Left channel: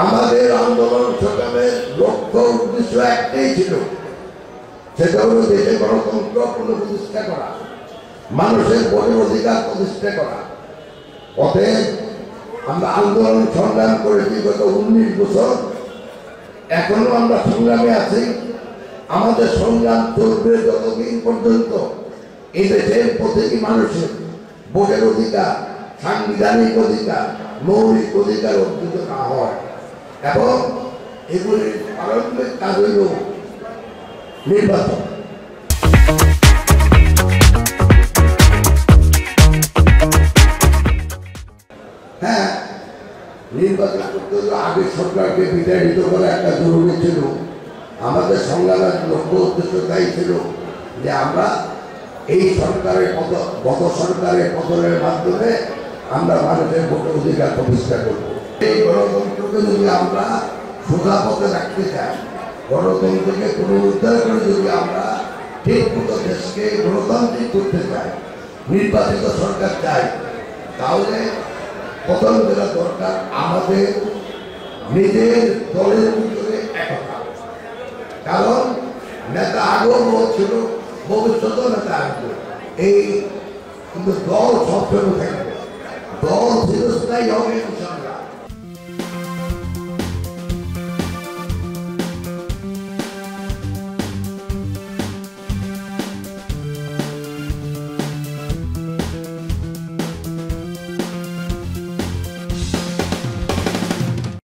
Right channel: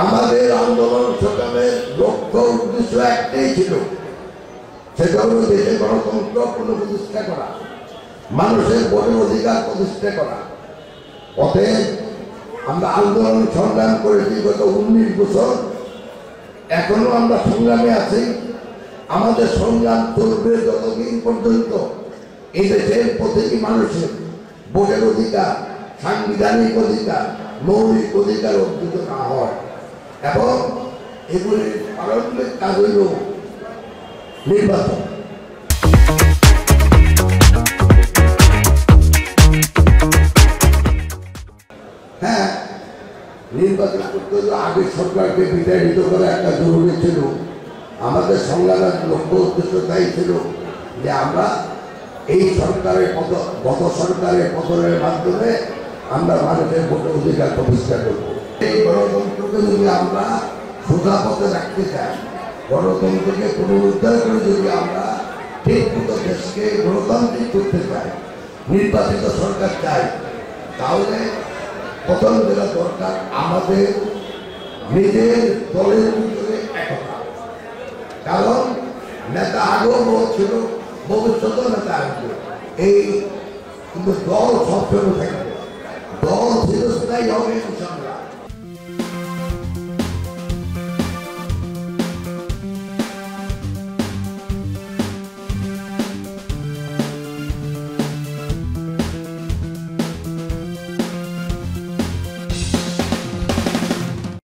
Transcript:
আমাদের আন্দোলন সংগ্রামের লক্ষ্য উদ্দেশ্য একটাই ছিল, সেটা হল দেশে গণতন্ত্র পুনঃপ্রতিষ্ঠা করা, মানুষের ভোটের অধিকার প্রতিষ্ঠা করা। অতএব আমরা আন্দোলন সংগ্রাম করেছি গত 19 বছর, এখনো আমরা সংগ্রামে আছি। আমাদের সংগ্রাম চলবে যতদিন পর্যন্ত এই দেশের প্রতিটি মানুষের ভোটের অধিকার, সাংবিধানিক অধিকার, মৌলিক অধিকার অর্জিত না হয়। এবং এগুলির প্রারম্ভিক কাজ হইল নির্বাচন। হ্যাঁ, নির্বাচন করতে হলে আগের সরকারকে বিতাড়িত করা একটা জরুরি ছিল। আমাদের সংগ্রামের লক্ষ্য উদ্দেশ্য তাই ছিল যে আমরা এই সরকারের গত সরকারের পতনের মাধ্যমে আমরা মানুষের ভোটের অধিকার প্রতিষ্ঠা করব। এই গণতন্ত্রকে যদি আমরা সোজা পথে রাখতে চাই, গণতন্ত্রকে পুনরুদ্ধার করে যদি আমরা ঠিক মতো দেশকে গণতান্ত্রিক করতে চাই, নির্বাচিত সরকার চাই, তাহলে প্রথম যেটা দরকার আমাদের নিজের দলের ভিতরে একতা। কারণ নেতা আগেও বলছিল, ভবিষ্যতেও নেতা আসবে, এই কিন্তু দল সবসময় থাকবে, দল চিরস্থায়ী হবে।